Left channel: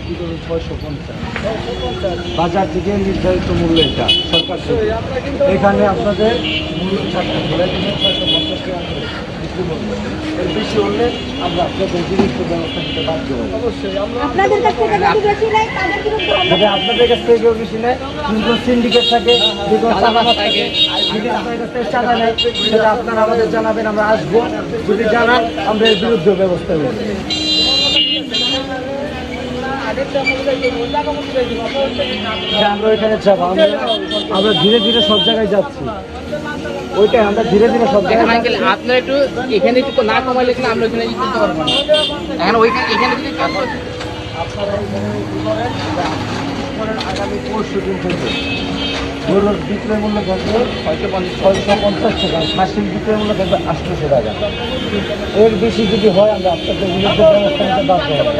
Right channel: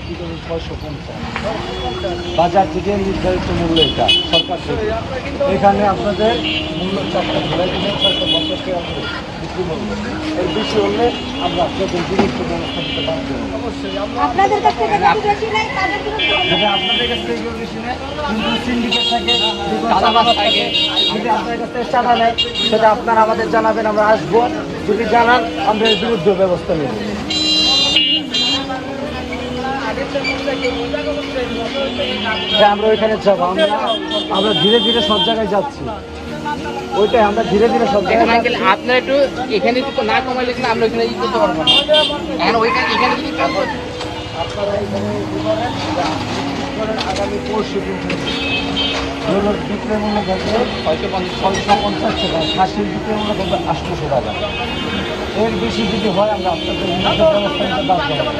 বিক্রি করবে 650। বাজার থেকে নির্ধারিত মূল্য এটা সরকার থেকে। এখানে আপনাদের মূল্য 4টা ঘোড়া কিনে 650 টাকা করে বিক্রি করবো। এর বেশি হলে আমরা আপনাদের জিনিস ব্যবস্থা করতে বাধ্য হবো। আপনাদের কাছ থেকে যদি বেশি নেয় তাদের বিরুদ্ধে আমরা যদি আপনাদের কাছ থেকে কেউ বেশি নেয়, কিন্তু সিন্ডিকেট থাকে, যদি চাঁদাবাজ থাকে, যদি আপনার কাছ থেকে চাঁদা নেয়, সেটা আপনারা আমাদের জানাবেন, আমরা আসবো। যদি জানান আমরা এর বিরুদ্ধে ব্যবস্থা নেব। আমরা ওইখানে যাবো, আমরা ধীরে ধীরে সব জায়গায় যাচ্ছি। ওইটাই আমরা ধীরে ধীরে সব জায়গায় যাচ্ছি। আপনার একটু এখানে একটু না কমাইলে কিন্তু আমরা ওইখানে করতে পারবো না। এখন ওইখানে এখানে যদি ধরুন বিক্রয় মূল্য করবে 650 টাকা, খাসির বিক্রয় মূল্য করবে 800 টাকা। এর বেশি যদি হয় আমরা আপনাদের বিরুদ্ধে ব্যবস্থা নিতে বাধ্য হবো।